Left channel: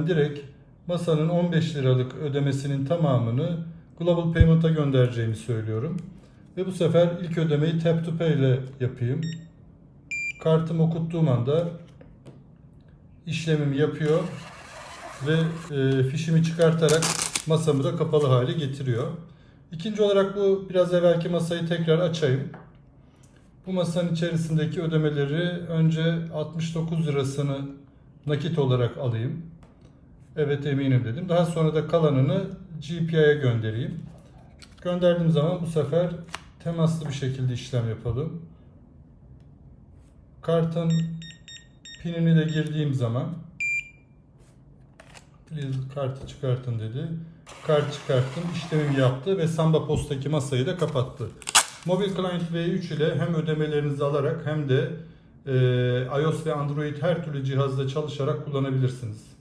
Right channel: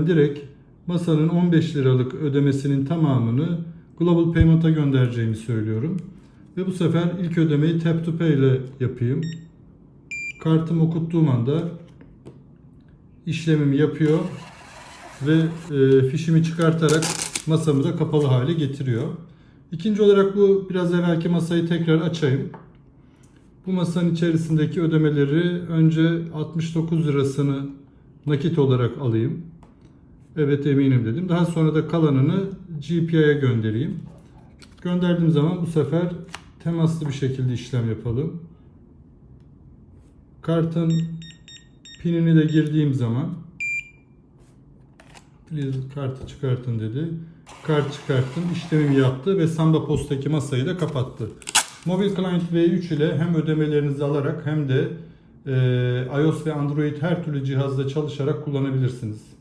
Direkt masanın 15 liralık ödemesinin tamamını Global Payment'a göndereceğimi söylüyorum. Ve bu sefer ilk ödemeyi Tap to Pay ile yapayım. Kartımı okuttuğum anda işlemimi yapıyor ve e, fişimi çıkartarak masamı da kapalı hale getiriyor. İkinci olarak bu biraz evvelki masayı tekrar açayım. Bu masanın içerisindeki ödemeleri önce 69 lirasını nakit olarak alayım. Evet eminim dedim. Daha sonra da kalanını GPI'ye göndereyim. Gönderdiğim zaman bu sefer temaslı bir şekilde işlem yapalım. Kartın pinini de girdiğim zaman Please kartı çıkartın dedi. Kart çıkarttım, işlemimi yaptı ve Samba Post'taki masayı da kapattı. Mobil Client V3 ile hem ödemelerinizi alarak hem de e, iOS ve Android her türlü cihazda çalışarak kullanabilirsiniz.